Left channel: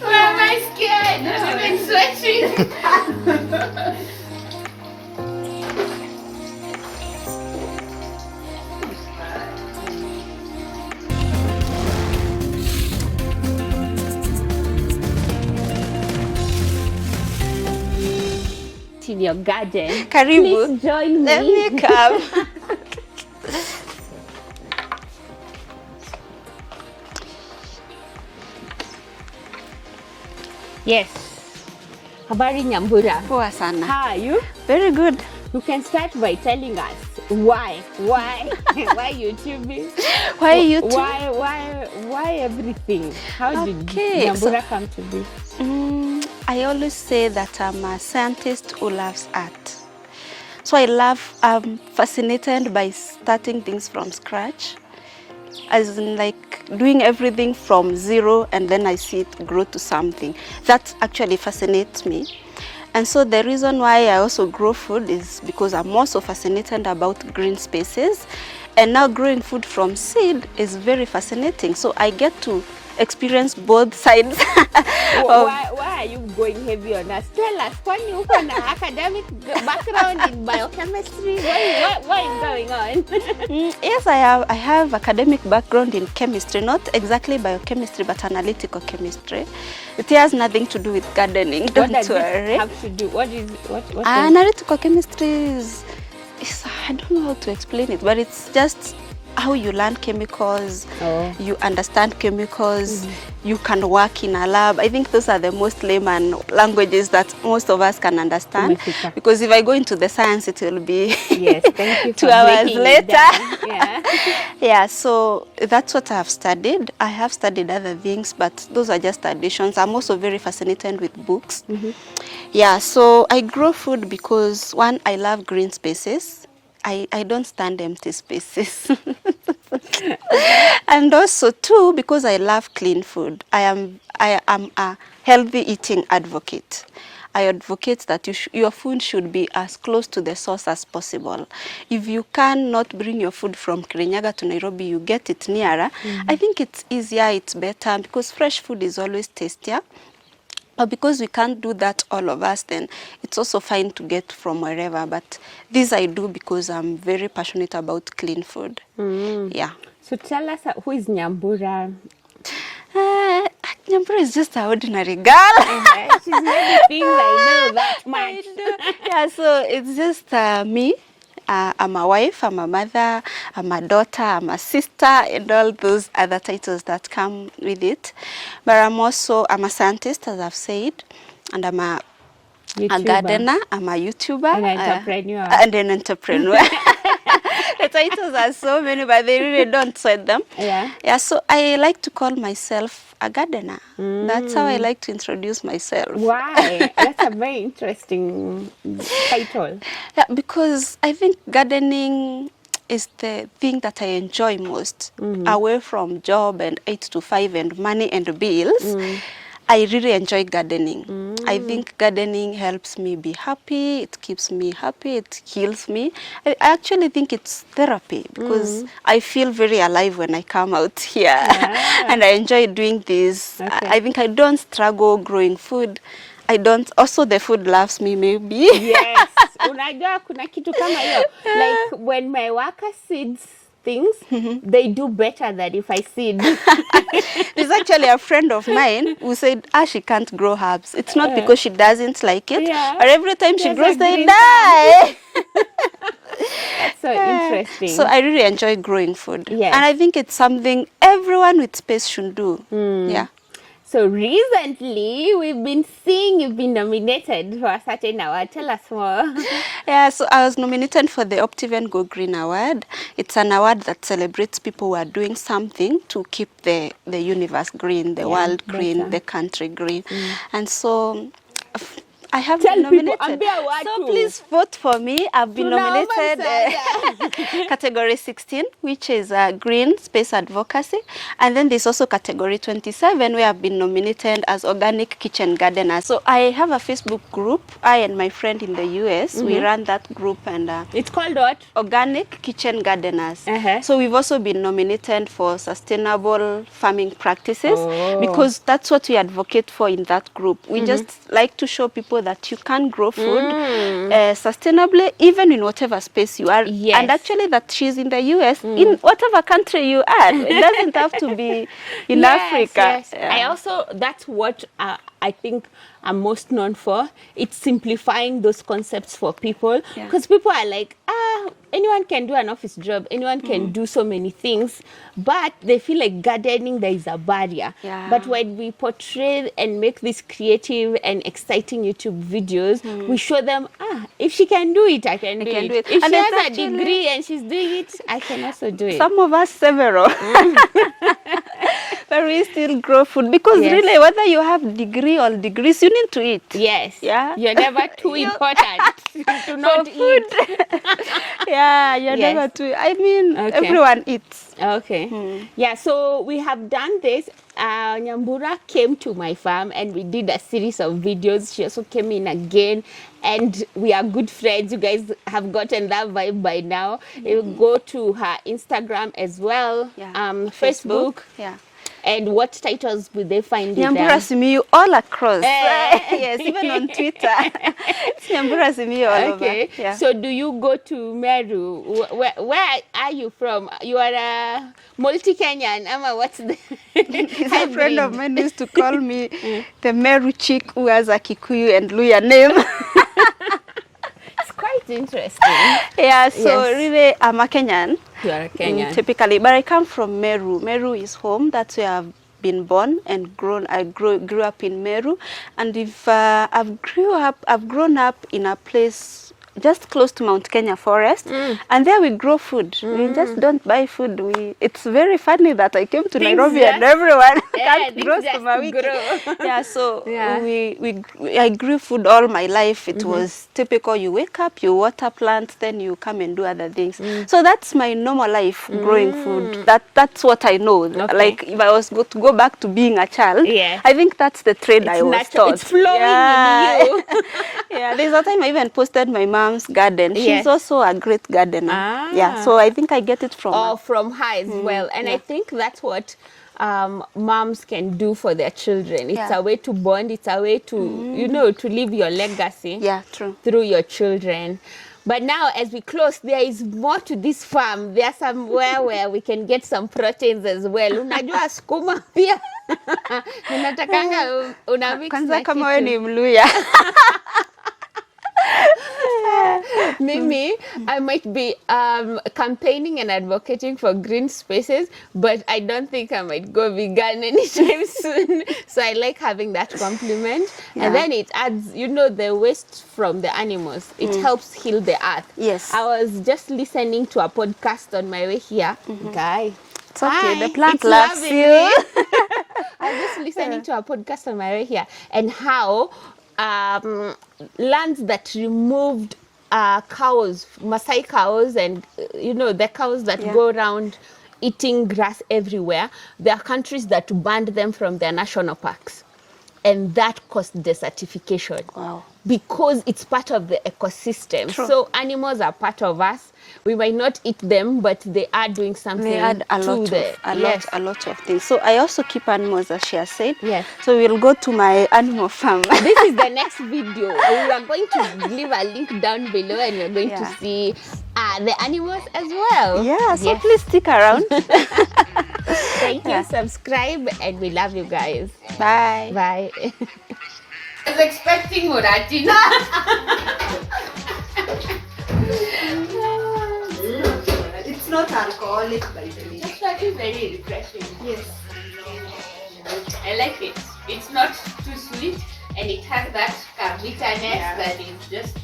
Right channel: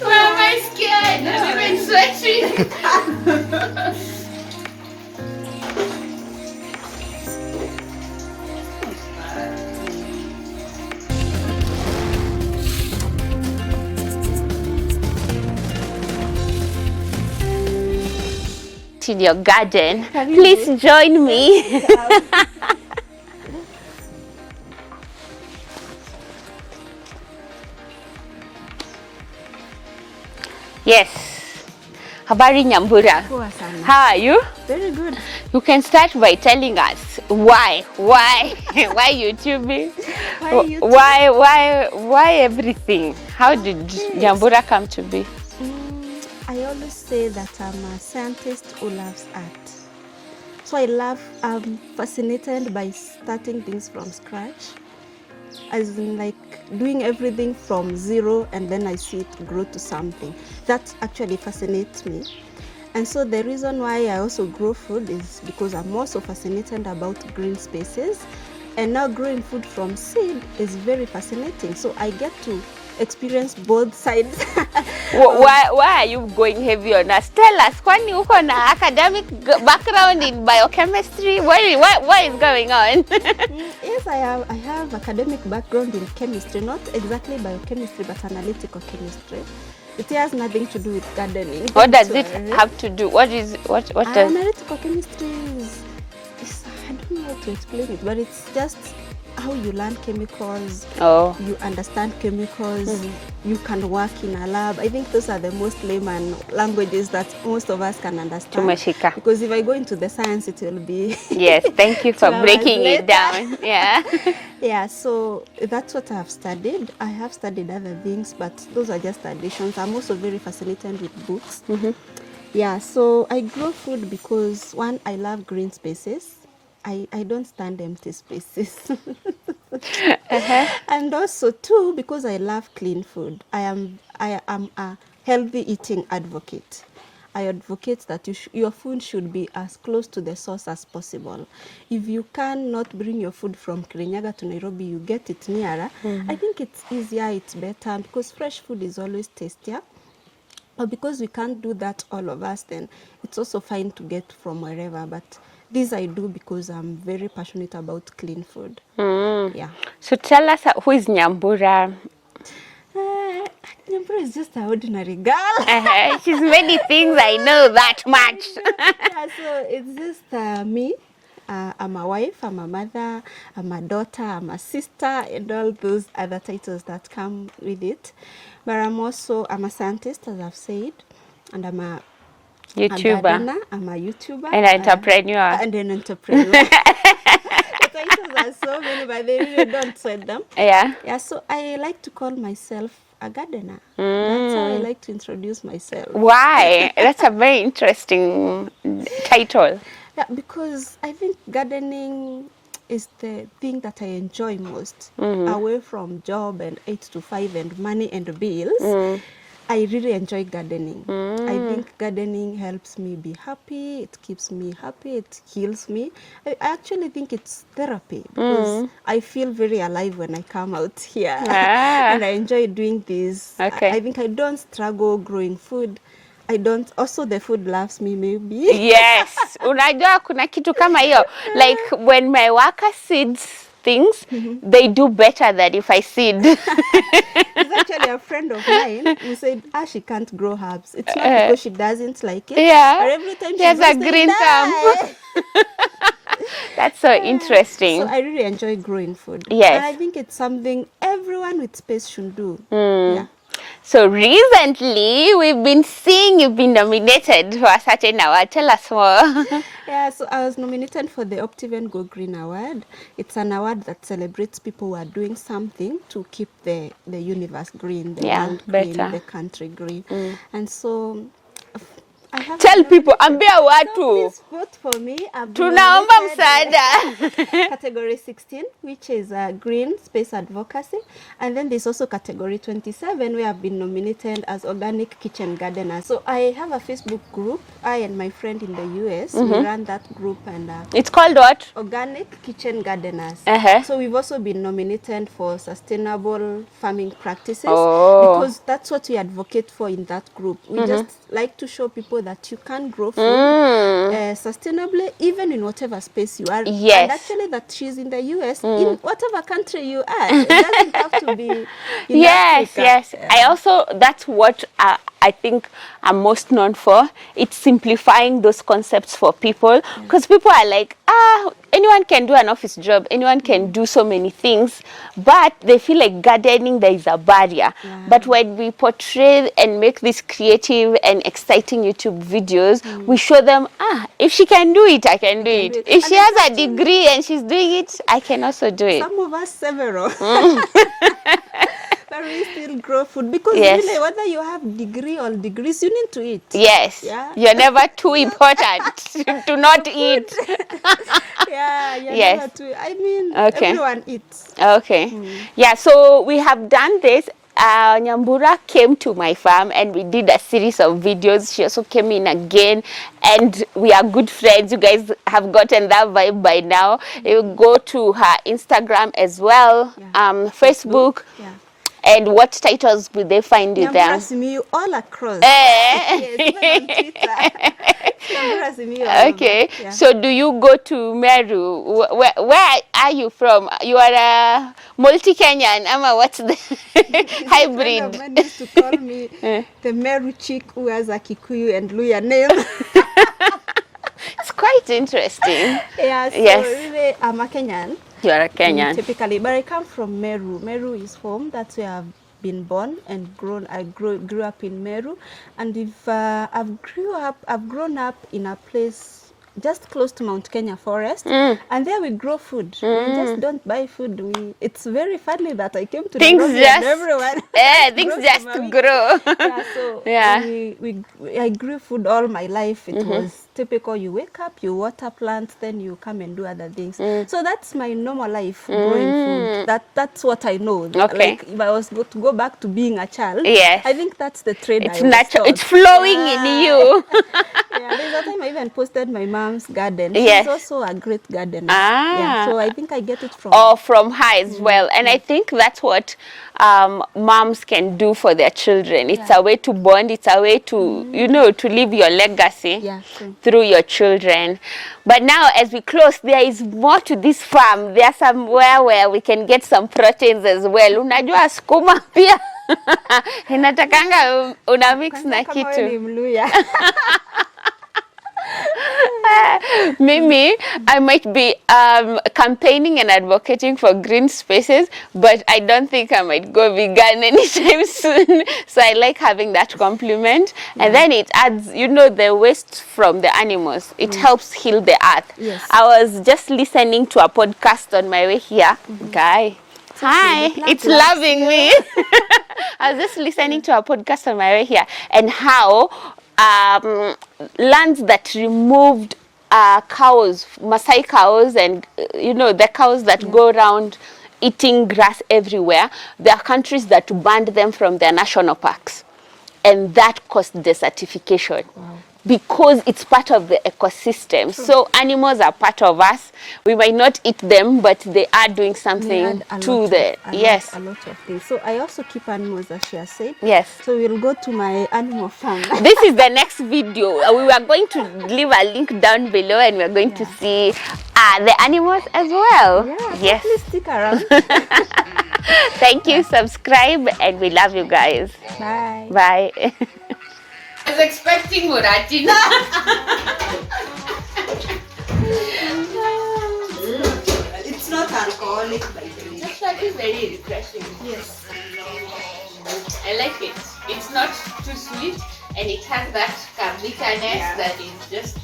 Why am I scared? I'm even sweating. In your garden. Karibu. Please join me. Come. Yes. Habari Nyambura. Poa sana. How are you? Very good. You can start by telling us why why YouTubing? Why YouTube? Why everything? How did Nyambura come to be? I always say that I'm a scientist who loves art. So I'm fascinated by starting things from scratch, as in like doing everything from zero and then I see it grow to something. That actually fascinates me. And so the reason why I also grow food is because I'm also fascinated about green spaces. And now growing food from seed is very fascinating. So I get to experience both sides. Why are you going heavy on us? Tell us, kwani uko na academic background in biochemistry? What is going on? Yes, I have academic background in chemistry, not exactly biochemistry, but analytical chemistry. It has nothing to do with gardening. What does it have to do? What analytical chemistry is I don't know how to explain it, but it's just how you learn chemicals, you understand chemicals, you can work in a lab. I think those are the most layman languages that most of us can understand. Because if I go into the science, it will be yes, thank you for breaking it down. Yeah. Yeah, so that's what I have studied. I have studied other things, but those are just additions. I'm also very fascinated with books. Yeah, so I grow food because one, I love green spaces. I don't stand empty spaces. And also two, because I love clean food. I am a healthy eating advocate. I advocate that your food should be as close to the source as possible. If you cannot bring your food from Kirinyaga to Nairobi, you get it nearer. I think it's easier, it's better, because fresh food is always tastier. But because we can't do that, all of us, then it's also fine to get from wherever. But this I do because I'm very passionate about clean food. Yeah. So tell us, who is Nyambura? Nyambura is just an ordinary girl. She's many things, I know that much. Yeah, so it's just me. I'm a wife, I'm a mother, I'm a daughter, I'm a sister, and all those other titles that come with it. But I'm a scientist, as I've said, and I'm a gardener, I'm a YouTuber. And an entrepreneur. And an entrepreneur. The titles are so many, but they really don't sweat them. Yeah. Yeah, so I like to call myself a gardener. That's how I like to introduce myself. Why? That's a very interesting title. Yeah, because I think gardening is the thing that I enjoy most. Away from job and 8 to 5 and money and bills. I really enjoy gardening. I think gardening helps me be happy, it keeps me happy, it heals me. I actually think it's therapy because I feel very alive when I come out here. And I enjoy doing this. Okay. I think I don't struggle growing food. I don't, also the food loves me maybe. Yes. Unajua kuna kitu kama hiyo. Like when my worker seeds things, they do better than if I seed. There's actually a friend of mine who said, she can't grow herbs. It's not because she doesn't like it. Yeah. But every time she There's grows, a they green die. That's so interesting. So I really enjoy growing food. Yes. And I think it's something everyone with space should do. Yeah. So recently, we've been seeing you've been nominated for a certain award. Tell us more. Yeah, so I was nominated for the Optiven Go Green Award. It's an award that celebrates people who are doing something to keep the universe green, the world green, the country green. And so I have Tell been people, nominated. ambia watu. So please vote for me. I've been Tunaomba nominated msaada. category 16, which is green space advocacy, and then there's also category 27 where I've been nominated as organic kitchen gardener. So I have a Facebook group. I and my friend in the US, we run that group, and It's called what? Organic Kitchen Gardeners. So we've also been nominated for sustainable farming practices because that's what we advocate for in that group. We just like to show people that you can grow food sustainably, even in whatever space you are. And actually that she's in the US, in whatever country you are. It doesn't have to be in Africa. I also, that's what I think I'm most known for. It's simplifying those concepts for people, because people are like, anyone can do an office job, anyone can do so many things, but they feel like gardening, there is a barrier. But when we portray and make these creative and exciting YouTube videos, we show them, if she can do it, I can do it. If she has a degree and she's doing it, I can also do it. Some of us several. But we still grow food because really, whether you have degree or degrees, you need to eat. You're never too important to not eat. You're never too. I mean, everyone eats. So we have done this. Nyambura came to my farm and we did a series of videos. She also came in again, and we are good friends. You guys have gotten that vibe by now. You go to her Instagram as well, Facebook. And what titles will they find you there? Nyambura Simiyu all across. Yes, even on Twitter. Nyambura Simiyu all over. So do you go to Meru? Where are you from? You are a multi-Kenyan. What's the hybrid? A friend of mine used to call me the Meru chick who has a Kikuyu and Luya name. It's quite interesting. Really, I'm a Kenyan. You are a Kenyan. Typically, but I come from Meru. Meru is home. That's where I've been born and grown. I grew up in Meru, and if I've grown up in a place just close to Mount Kenya forest, and there we grow food. We just don't buy food. It's very funny that I came to Nairobi and everyone things just grow. I grew food all my life. It was typical. You wake up, you water plants, then you come and do other things. So that's my normal life, growing food. That's what I know. Like if I was to go back to being a child, I think that's the trade I was taught. It's flowing in you. There's a time I even posted my mom's garden. She's also a great gardener. So I think I get it from her. From her as well. And I think that's what moms can do for their children. It's a way to bond. It's a way to, to leave your legacy through your children. But now, as we close, there is more to this farm. There's somewhere where we can get some proteins as well. Unajua sukuma pia. Inatakanga una mix na kitu. Kama wewe ni Mluya. Mimi, I might be campaigning and advocating for green spaces, but I don't think I might go vegan anytime soon. So I like having that compliment. And then it adds, the waste from the animals. It helps heal the earth. I was just listening to a podcast on my way here. Guy. Hi, it's loving me. I was just listening to a podcast on my way here, and how lands that removed cows, Maasai cows, and the cows that go around eating grass everywhere, there are countries that banned them from their national parks, and that caused desertification. Because it's part of the ecosystem. So animals are part of us. We might not eat them, but they are doing something to the... a lot of things. So I also keep animals, as she has said. So we'll go to my animal farm. This is the next video. We are going to leave a link down below, and we're going to see the animals as well. So please stick around. Thank you. Subscribe, and we love you guys. Bye. Bye. I was expecting Murati. It's not alcoholic, by the way. It's actually very refreshing. Yes. I like it. It's not too sweet, and it has that bitterness that is just